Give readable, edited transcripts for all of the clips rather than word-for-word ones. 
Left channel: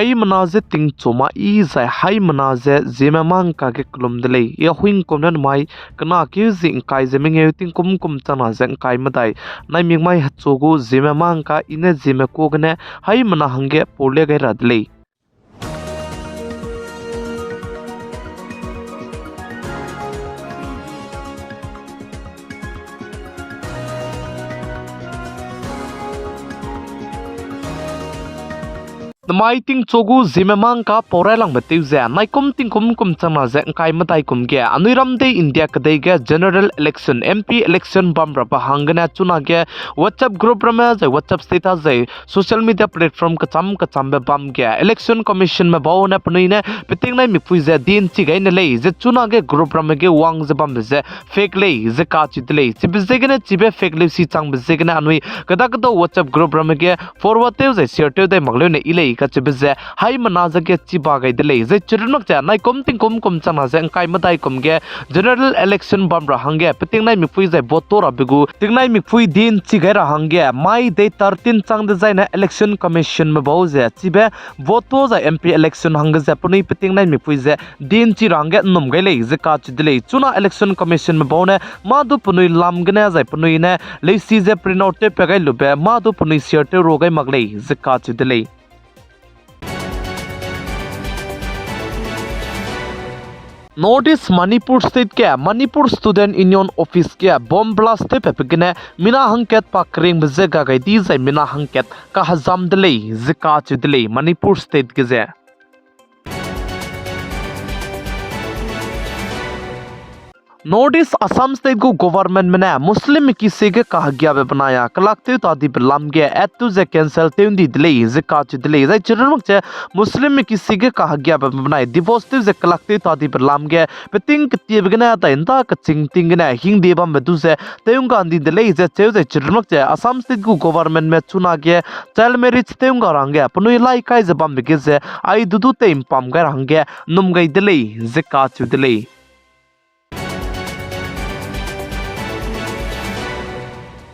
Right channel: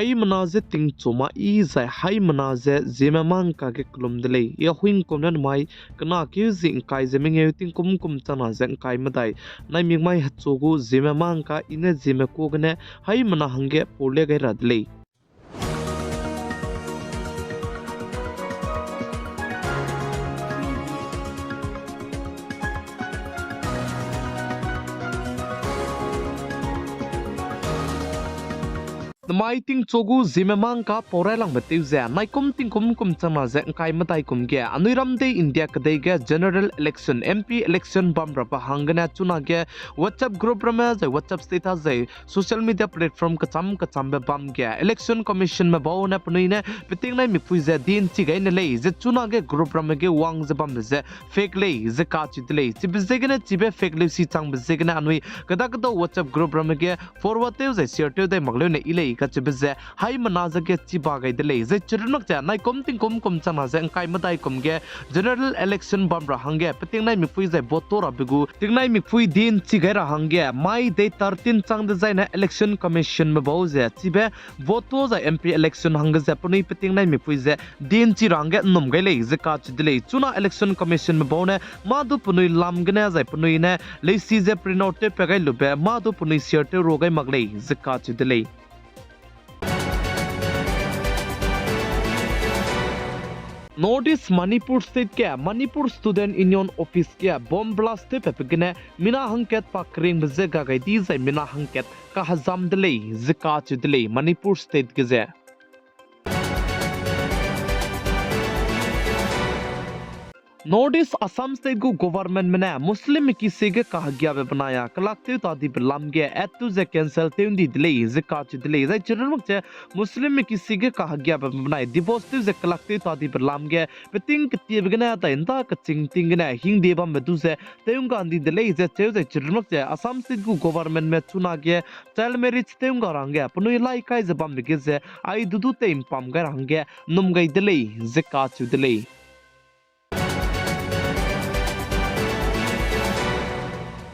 hai manaze ting choma I zai hai manaze Zeme mang ka ke klum delay ya huing kom nan mai kana ki zing kai Zeme nge ting kum chana zeng kai madai nai ming mai hatsogu Zeme mang ka ine Zeme ko gane hai mana hange pole gai radlei mai ting chogu Zeme mang ka porai lang batiu za nai kum chana zeng kai matai kum ge anuiram de India kadai ge general election MP election bam rapa hangana chuna ge WhatsApp group rama za WhatsApp status za social media platform ka cham be bam ge election commission ma baw na pnui ne piting nai mi pui za din chi gai na lei ze chuna ge group rama ge wang za bam ze fake lei ze ka chi lei chi bizze ge na chi be fake lei si chang bizze ge na anui kada WhatsApp group rama ge forward te za share te dai magle ne ilei ka chibize hai manaza ke chiba gai dele ze chirnok cha nai kom chana ze kai madai kom ge general election bam ra hange piting nai mi pui ze boto ra bigu ting nai mi pui din chi gai ra hange mai de 13 chang de zai na election commission ma bo ze chibe boto za MP election hang ze puni piting nai mi pui ze din chi range num gai le ze ka chi dele chuna election commission ma bo ne ma du punui lam gna zai punui ne le si ze print out te pe gai lu be ma du punui share te ro gai magle ze ka chi dele Notice Manipur State ke Manipur Student Union Office ke bomb blast te pepigene mina hangket pakring bezega gai di zai mina hangket ka hazam delay zika chidley Manipur State ge Notice Assam State go government mena Muslim ki sege kah gya be banaya kalakte tadi belam ge etu ze cancel te undi delay ze ka chi delay zai chirmuk che Muslim ki sege kah gya be banai divorce te ze kalakte tadi belam ge peting kti begena ta inta ka ching ting na hing de bam bedu ze teung ka andi delay ze che ze chirmuk che Assam State go government me chuna ge child marriage teung ka rang ge punui lai kai ze bam be ze ai dudu te impam ga rang ge num gai delay ze ka chi delay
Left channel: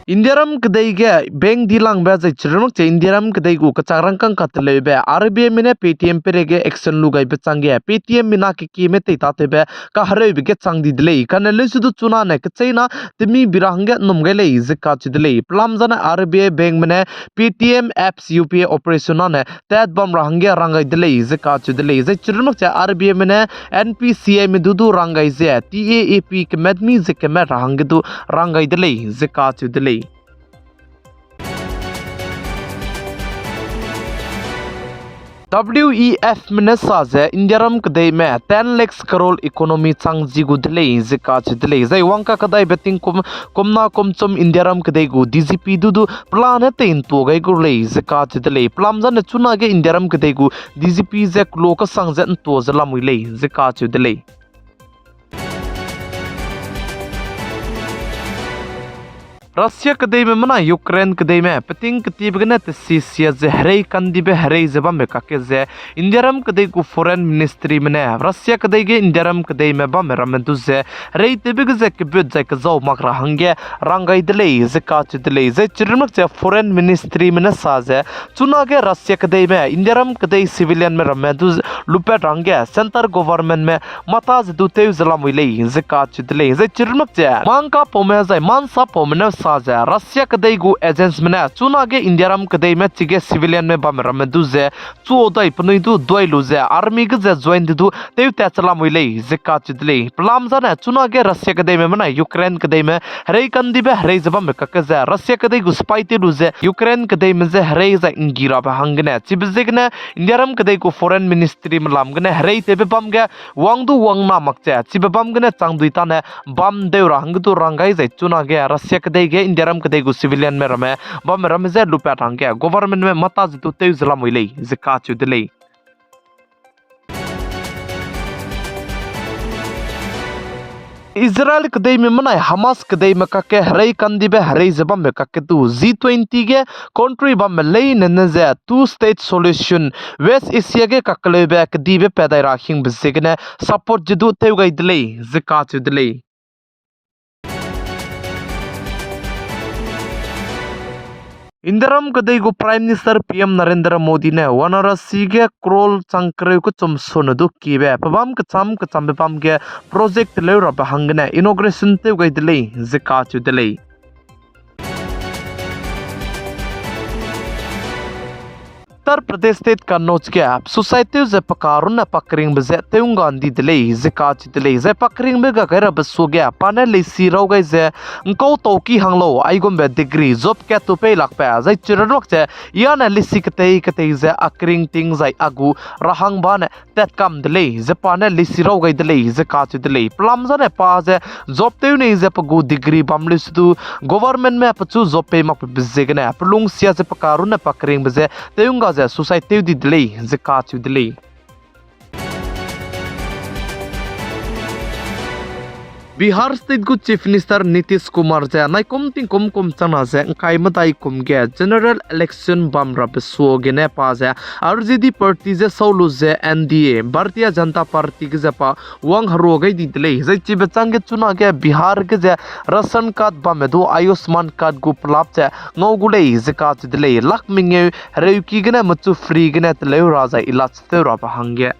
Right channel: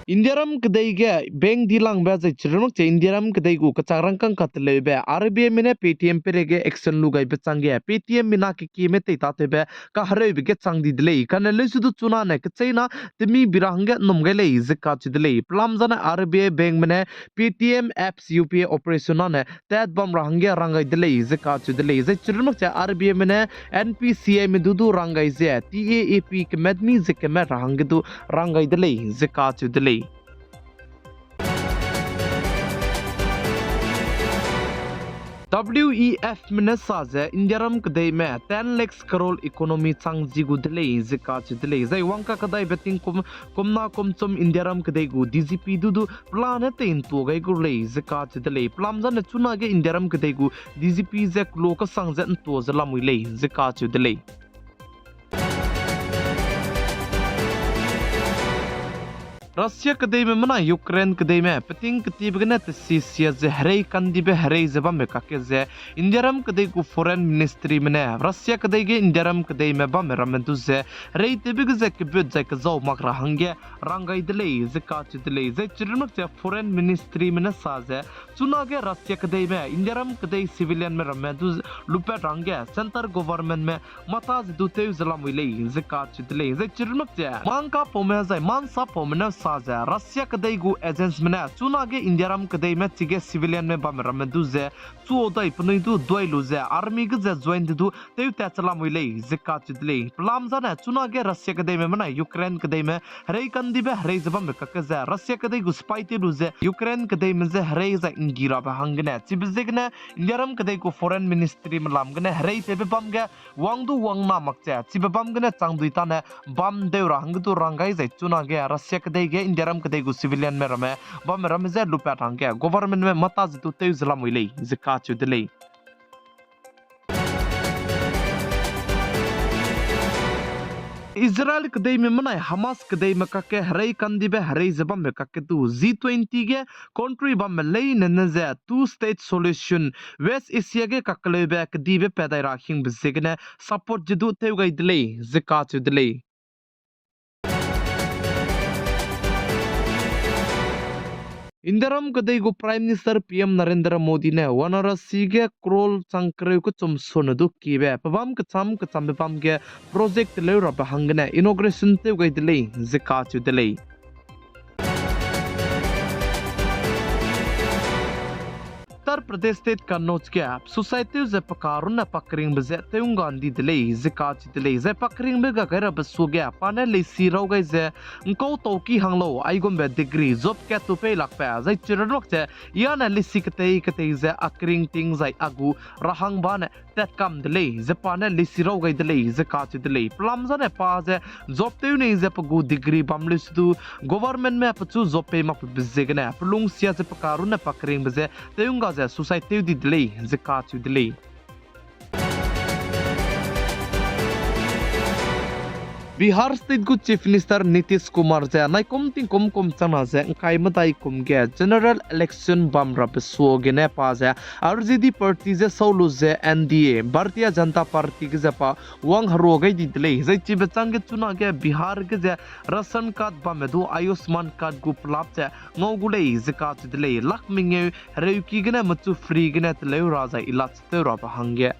Indiaram kedai ge bank dilang ba zai chirmuk che Indiaram kedai gu kacharang kang katle be RBI mine Paytm pere ge action lu gai be change Paytm mina ki me te ta te be ka hare be ge chang di dile kan le su du chuna ne ke chaina timi birang ge num ge le ze ka chi dile plam jana RBI bank mine Paytm apps UPI operation ne tat bam rang ge rangai dile ze ka chi dile ze chirmuk che RBI mine NPCI me du rangai ze TAAP ke medmi ze ke me rang ge du rangai dile ze ka chi dile WEF minesa ze Indiaram kadai me 10 lakhs crore economy chang jigu dile zika chidile zai wangka kadai betting komna komchom Indiaram kadai gu DGP dudu plan te in to gai gu le zika chidile plam jan chuna ge Indiaram kadai gu DGP ze kloka sang zen to zalamui le zika chidile Russia kadai me mana Ukraine kadai me peting kati begana te sisia ze herei kandi be herei zeba me kake ze Indiaram kadai ku foreign ministry mene Russia kadai ge Indiaram kadai me ba me ramentu ze herei te beg ze ke bud ze ke zo makra hange rangai dele ze ka chi dele ze chirmak ze foreign ministry mene sa ze chuna ge Russia kadai me Indiaram kadai civilian me ramentu lupe range center government me mata ze du te zala muile ze ka chi dele ze chirmak ze mangka pome ze mansa pome saja Russia kadai gu agents mena chuna ge Indiaram kadai me chige civilian me bam ram du ze chu dai pnui du doi lu ze army ge ze join du teu ta chala muile ze ka chidle plam jana chuna ge Russia kadai me mena Ukraine kadai me herei kandi be herei zaba me ka ze Russia kadai gu spy te lu ze Ukraine kadai me ze herei za ingira ba hangna chibze gna Indiaram kadai gu foreign ministry me lam gna herei te be bam ge wang du wang na mak cha chibe bam gna chang dui ta ne bam de rang du rangai ze chuna ge Russia kadai Indiaram kadai gu civilian me rame ba me rame ze lupa thang ke government me mata zitu te zala muile zika chu dile Israel kadai me manai Hamas kadai me kake herei kandi be herei zeba me kake tu G20 ge country ba me lei ne ze two state solution West Asia ge kakle be kdi be pedai rakhing bisegne support jidu te gai dile zika chu dile इंदरम कदईगु Prime Minister PM Narendra Modi ने वनरसी के crawl चंक्रे को चम सोनदु कीबे पबम कचम बेपम के project लेरा बहंगने inauguration ते गइदले जिका चुदले उत्तर प्रदेश स्टेट कन्नौज के सोसाइटी जे पकारुन पकरिंग बजे तेउंग गांधी दिले जिका चितले जे पकरिंग में गगर बसु गया पाने ले सिरो गई जे अंको तोकी हंगलो आइगोम बे डिग्री जॉब के तो पे लक पे जे चिरनोक जे यान लिसि कते जे अकरिंग टिंग जे अगु रहंग बाने tet kam दिले जे पाने ले सिरो गई दिले जिका चितले प्लम जने पा जे जॉब ते ने जे पगु डिग्री बमलिस दु गवर्नमेंट में पचु जॉब पे मप बिजेगने प्लुंग सिया जे पकारुन पकरिंग बजे तेउंग society di delay zakat delay Bihar state को चीफ मिनिस्टर नीतीश कुमार जे नाइकुम तिंकुम कुम चना जे kai matai kum ge general election bam rap so ge ne pa जे RJD party जे सौलु जे NDA भारतीय जनता पार्टी के जपा वंग हरो गई दिले जे ची बचंग के चुना के बिहार के जे राशन कार्ड बम दो आयुष्मान कार्ड गु प्लाप जे ngau गुले जे का दिले लक मिंगे रेउकी गने मचु फ्री गने तले राजा इलाज ते रा हंगे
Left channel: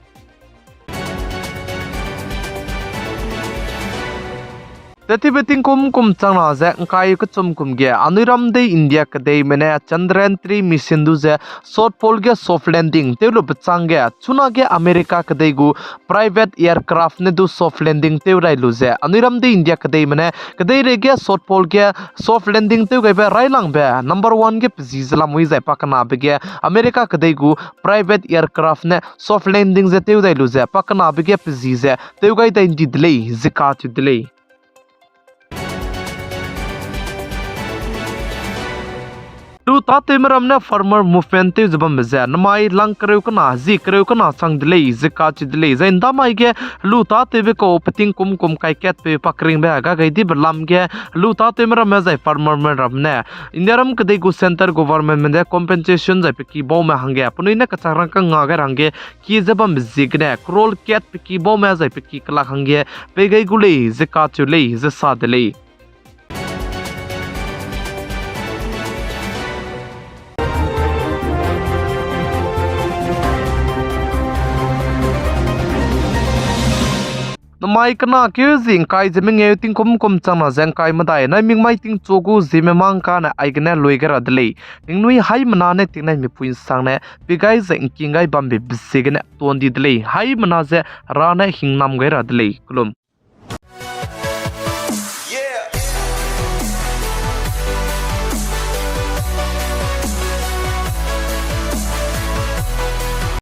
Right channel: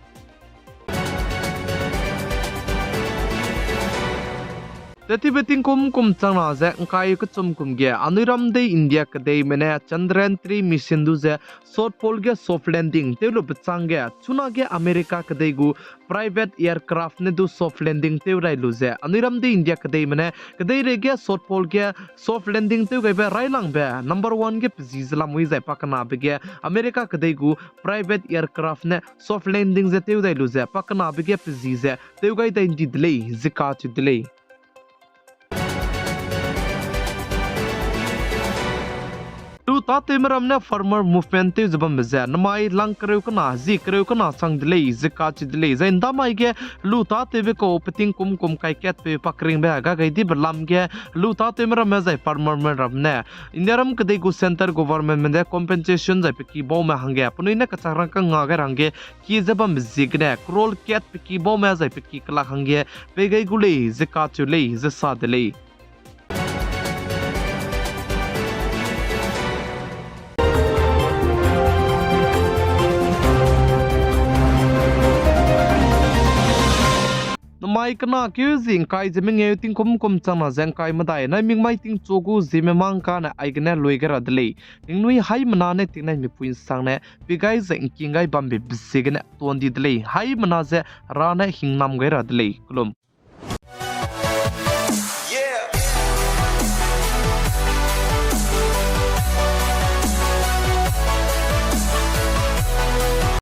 तति बेटिंग कुम चंगना जे काय क चुम कुम गे अनिरम दे इंडिया क दे मने चंद्रयान 3 मिशन दु जे शॉर्ट पोल के सॉफ्ट लैंडिंग तेलो बचांग गे चुना गे अमेरिका क दे गु प्राइवेट एयरक्राफ्ट ने दु सॉफ्ट लैंडिंग ते राइलु जे अनिरम दे इंडिया क दे मने क दे रे गे शॉर्ट पोल के सॉफ्ट लैंडिंग ते गे बे राइलांग बे नंबर 1 के जिजला मुई जे पकना बे गे अमेरिका क दे गु प्राइवेट एयरक्राफ्ट ने सॉफ्ट लैंडिंग जे ते राइलु जे पकना बे गे जिजे ते गे दे दिले जिका दिले लु ताते मरमने फार्मर मूवमेंट ते जबम बजे नमाई लंग करेउ कना जी करेउ कना संग दिले जिका च दिले जैंदा माई के लु ताते बे को पतिंग कुम काय केट पे पकरिंग बे गा गई दी बलम के लु ताते मरम में जाय फार्मर में रमने इंडियरम कदे गु सेंटर गवर्नमेंट में दे कॉम्पेंसेशन जाय पे की बो में हंगे पुनई ने कचारंग का गागर हंगे की जबम जिगने क्रोल केट पे की बो में जाय पे की कला हंगे पे गई गुले जिका चुले जसा दिले माइक ना क्यों जिंग काय जमिंग ए तिंग कुम चना जंग काय मदाय ना मिंग माइ तिंग चोगु जिमे मांग का ना आइगने लोइगर अदले तिंग नुई हाई मना ने तिंग नाइ मिपुइन सांगने बिगाय जंग किंगाय बम्बे बिसिगने तोंदी दले हाई मना जे राने हिंगनाम गैर अदले कुलुम